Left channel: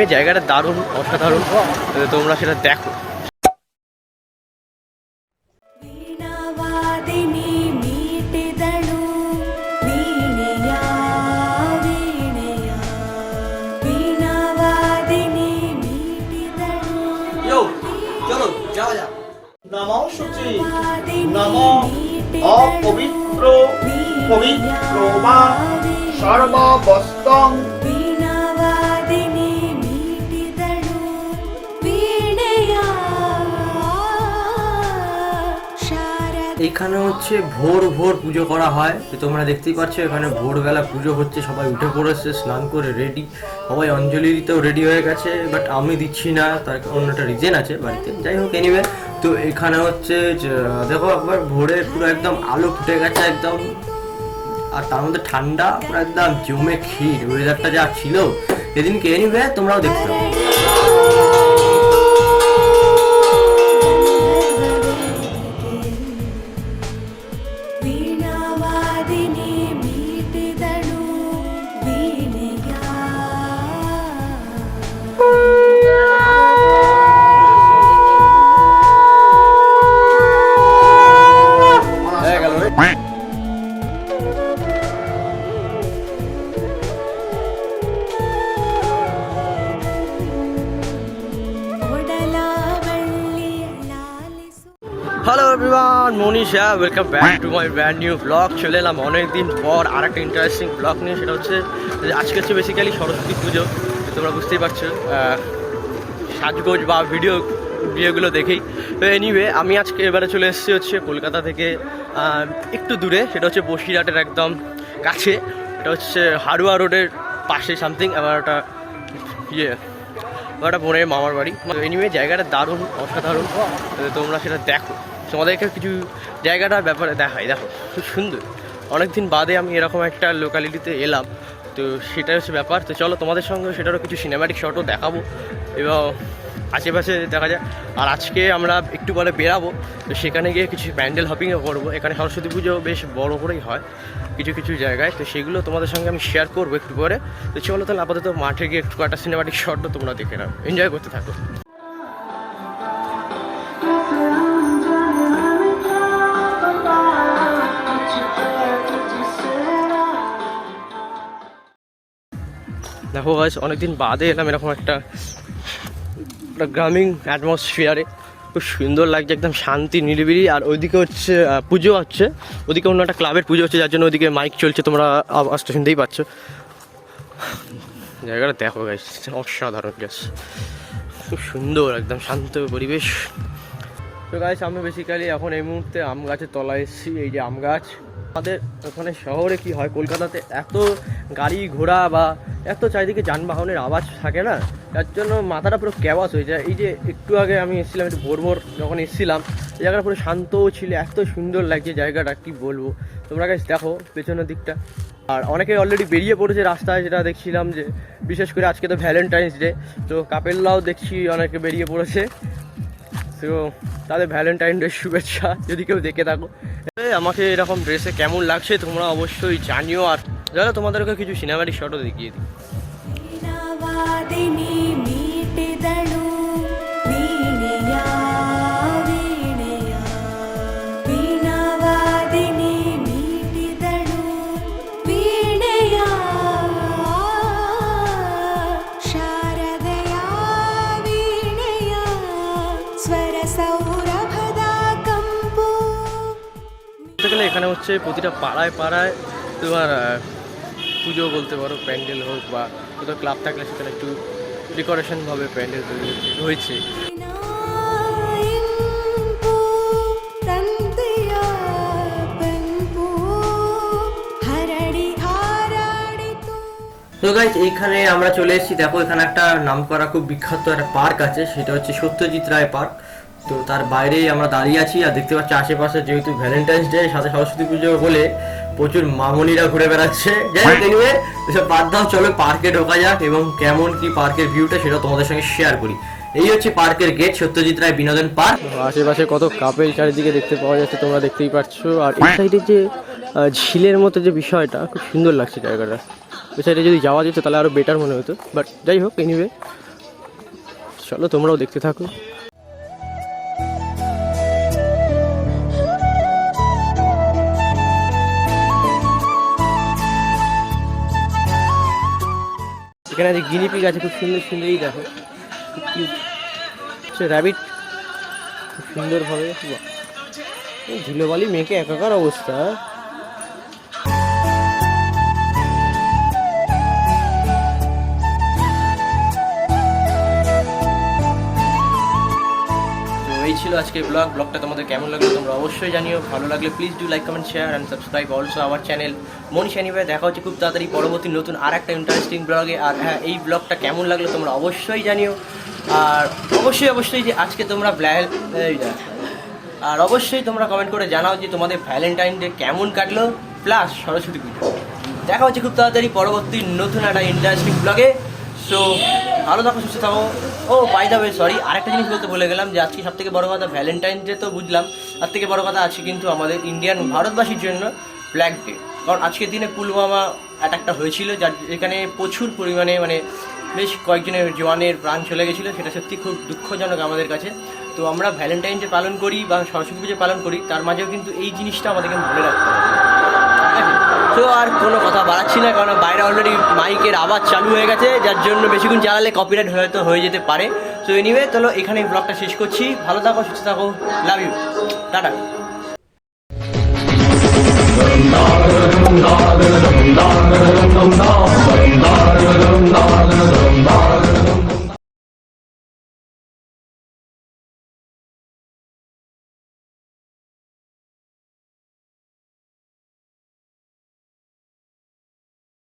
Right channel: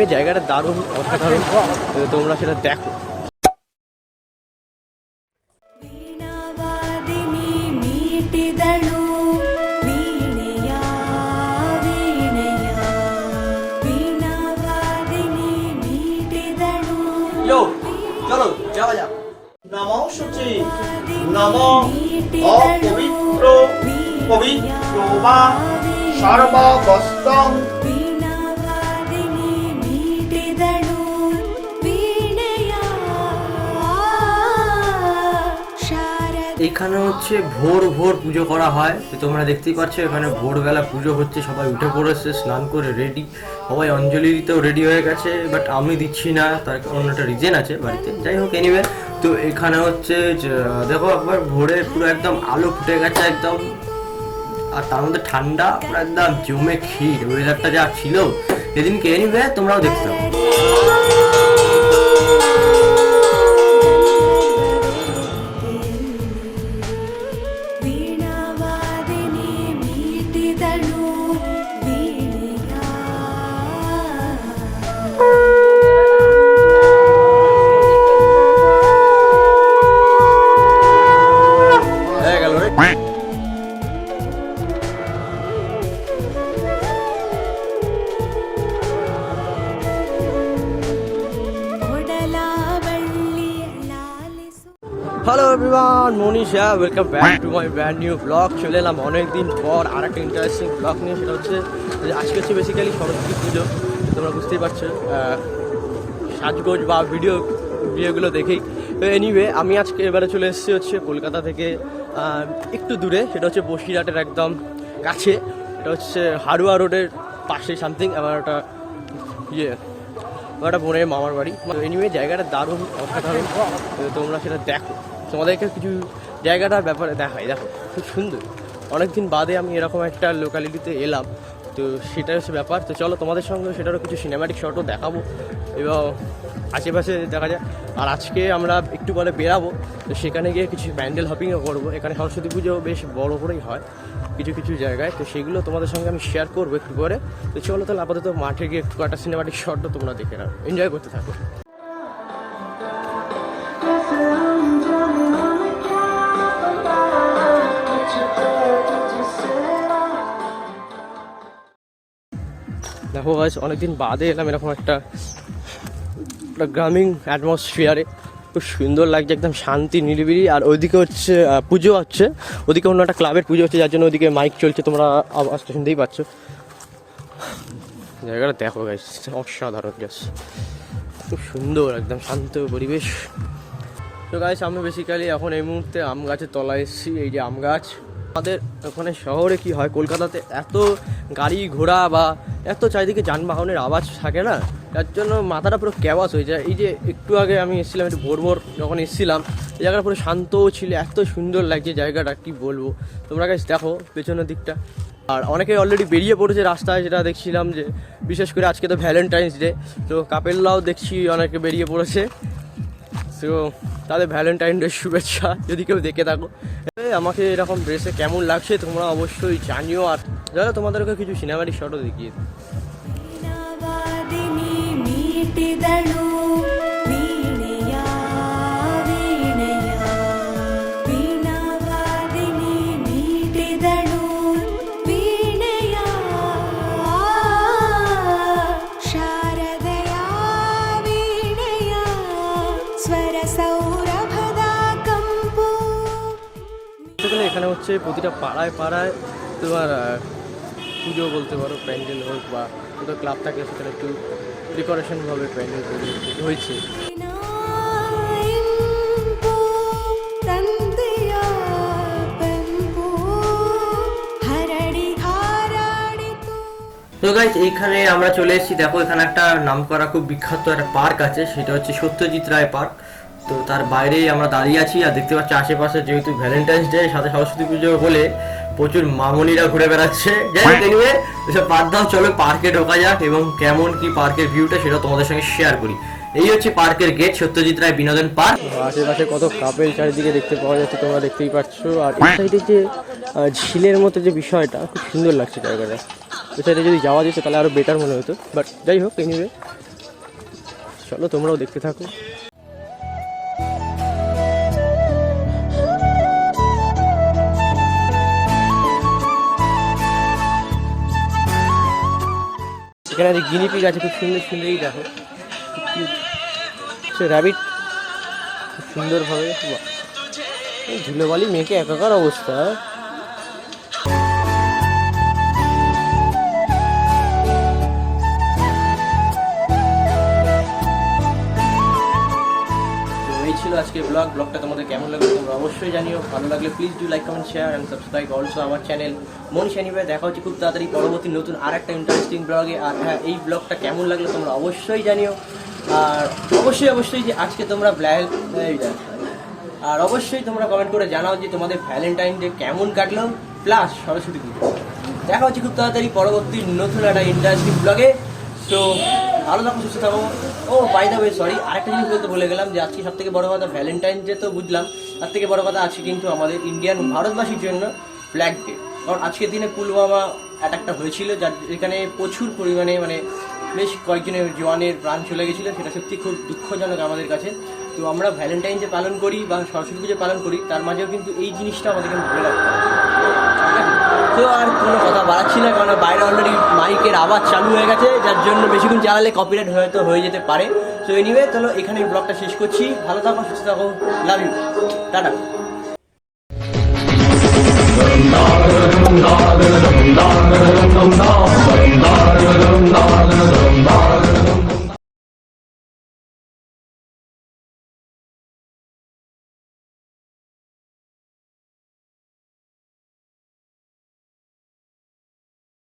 Anyway জায়গাটা দারুণ, অসাধারণ, তোমরা সেটা দেখো। চলো যাওয়া যাক। নমো শুচি নমো অপবিত্র পবিত্র বা সর্ববস্তং hello everyone, Manisha, welcome back to my brand new blog. চলে এলাম অনেকদিন পর আর একটা ইন্টারেস্টিং ব্লগ নিয়ে। সেটা হচ্ছে আজকে হচ্ছে বেসিক্যালি সরস্বতী পুজো, তোমরা বুঝতেই পারছো সাজগোজ বা ভিডিওগুলো দেখেই। তো এনিওয়ে আমি আজকে এবারে চলে এসেছি হচ্ছে কলকাতা থেকে একটু দূরে, সেটা হচ্ছে বসিরহাটের একদম কাছে। এটা হচ্ছে হাড়ুয়া রোডের পাশে সামথিং আমার একটা আমার একটা বোনের মামার বাড়ি। এনিওয়ে জায়গাটা দারুণ, অসাধারণ, তোমরা সেটা দেখো। তোমাদেরকে কিছু জায়গাটার ব্যাপারে দেখাই। দেখো খুব সুন্দর, অনেকদিন বাদে আমি এরকম একটা লোকালিটিতে এলাম, তো সেটাই হচ্ছে ব্যাপার। তো চলো তোমাদের সঙ্গে সেটারও কিছু সিনেম্যাটিক শটও দেখাবো এবং আশেপাশে দেখা যায়। আর আজকে আমরা একটু পরে বেরাবো, তো সেখানে গিয়ে কিছু প্যান্ডেল হপিংও করবো। এখানে সরস্বতী পুজো বেশ বড় করেই হয় কিছু কিছু জায়গায়, তো সেগুলো তোমাদের সঙ্গে আমি শেয়ার করবো একটু পরে। তো চলো তাহলে আপাতত মাঠে গিয়ে একটু একটা সিনেম্যাটিক শটও তোমরা দেখে নাও, এনজয় করতে থাকো। দেখো গাইস, অনেকদিন বাদে এলাম এরকম একটা গ্রামীণ অ্যাটমসফিয়ারে। খুব সুন্দর লাগছে, একদম শান্তি নিরিবিলি। আর ওইদিকে হচ্ছে পুজো হচ্ছে, ওদিকে অন্য একটা ক্লাবের পুজো হচ্ছে, যার জন্য ওদিকে মাইক চলছে, তোমরা আওয়াজটা শুনতেই পাচ্ছ। জায়গাটা দেখো গাইস, অসাধারণ গ্যাস, খুব সুন্দর, একদম শান্ত পরিবেশ। তো গাইস আমি বেসিক্যালি এখন এই মুহূর্তে আম গাছের তলায় এসেছি। এই যে আম গাছ, আমাদের ওখানে শহরে কি হয়, কলকাতাতে এত গাড়ি ঘোড়া বা এত চারিদিকে যানবাহনের আওয়াজ থাকে না, যার জন্য মাথাটা পুরো ক্যাবাস হয়ে যায়। এই যে একটু আগে আমি এসেছিলাম, একটু ভোর যখন এসেছিলাম, এই জায়গাটা পুরো শান্ত ছিল, এত সুন্দর লাগছে জায়গাটা, কি বলবো। তোমরা গাইস দেখো পেছনের দিকটা। আর অনেকে অলরেডি বেরিয়ে পড়েছে রাস্তায়, যেটা দেখছিলাম যে বিশেষ করে আজকে তো ভ্যালেন্টাইন্স ডে, তো কাপেলরাও দেখছি অনেকে বেরিয়ে পড়েছে। তো তাদের ভ্যালেন্টাইন ডে শুভেচ্ছা যদি কেউ দেখে থাকো। আমাকে এরকম ড্রেসে কেমন লাগছে তোমরা অবশ্যই জানিও। আর যারা তোমাদেরকে কিছু সিনেমাটিক শটও দেখিয়ে দিই। গেলে এখানে হচ্ছে প্রতিটা পাড়ায় পাড়ায় তোমার পুজো বলতে পারো, প্যান্ডেল হোক বা কোথাও ক্লাব থাকলে সেখানে একটু ডেকোরেশনভাবে প্যান্ডেল তৈরি হয়েছে। আশেপাশে কত কাপেল চারিদিকে দেখতে পাওয়া যাচ্ছে, তোমরা দেখতেই পাচ্ছ। আর এই সাইডে যে ঝিলের মতো যে বিষয়টা, খুব সুন্দর লাগছে জায়গাটা। এই সাইডে যদি যাওয়া যেত তাহলে আরও বেটার মনে হতো, বাট যাই হোক এনিওয়ে চলো তোমরাও দেখতে থাকো। এখানে আছে গিনিপিগ আছে, খুব সুন্দর সুন্দর, এই দেখো খুব কিউট। সে র্যাবিট খুব সুন্দরভাবে, ধুলোবালি মেয়েকে একাকার অবস্থা। এই ছিল আজকের ব্লগটা তোমাদের কেমন লাগলো তোমরা অবশ্যই জানিও। ভালো লাগলে please do like, comment, share and subscribe also our channel Manish anyway. দেখা হচ্ছে খুব তাড়াতাড়ি পরবর্তী নতুন আর একটা ইন্টারেস্টিং ব্লগে। আর হ্যাঁ, এই ব্লগটা কেমন লাগলো তোমরা অবশ্যই জানিও। আর অবশ্যই যে আজকে তোমরা আর অবশ্যই তোমরা কমেন্ট করে জানাও যে তোমাদের ভ্যালেন্টাইন ডে কেমন কাটলো, প্লাস সরস্বতী পুজো। দেখা হচ্ছে খুব তাড়াতাড়ি পরবর্তী নতুন একটা ইন্টারেস্টিং ব্লগে। সো ভালো থাকো, সুস্থ থাকো। ও বাই দ্য ওয়ে, সরি, আরেকটা জিনিস বলতে ভুলে গেলাম যে আজকে সব থেকে বড় কথা ভ্যালেন্টাইন ডে তো বুঝলাম, তার থেকে বড় কথা আছে কিন্তু আমাদের ইন্ডিয়ান ভারতবাসীর জন্য ব্ল্যাক ডে। কারণ আজকের দিনে পুলওয়ামা অ্যাটাকটা হয়েছিল, যার যেখানে প্রচুর পরিমাণে মানে বেশ কয়েকজনের জওয়ানের প্রাণ চলে গেছিলো। সেটা সত্যি খুব দুঃখজনক আমাদের কাছে। তো আমরা ভ্যালেন্টাইন ডে পালন করি বা সরস্বতী পুজো পালন করি, তার মাঝেও কিন্তু এই জিনিসটা আমাদেরকে মনে রাখতে হবে। তো আর কোনো কথা বাড়াচ্ছি না, কারণ বাইরে অলরেডি মাইকের আওয়াজ চালু হয়ে গেছে, যার জন্য বেশিক্ষণ চালালে কপিরাইট হয়তো হয়ে যেতে পারে। তো এনিওয়ে, চলো এখানে ব্লগটা শেষ করছি। ভালো থাকো, সুস্থ থাকো, লাভ ইউ, টাটা।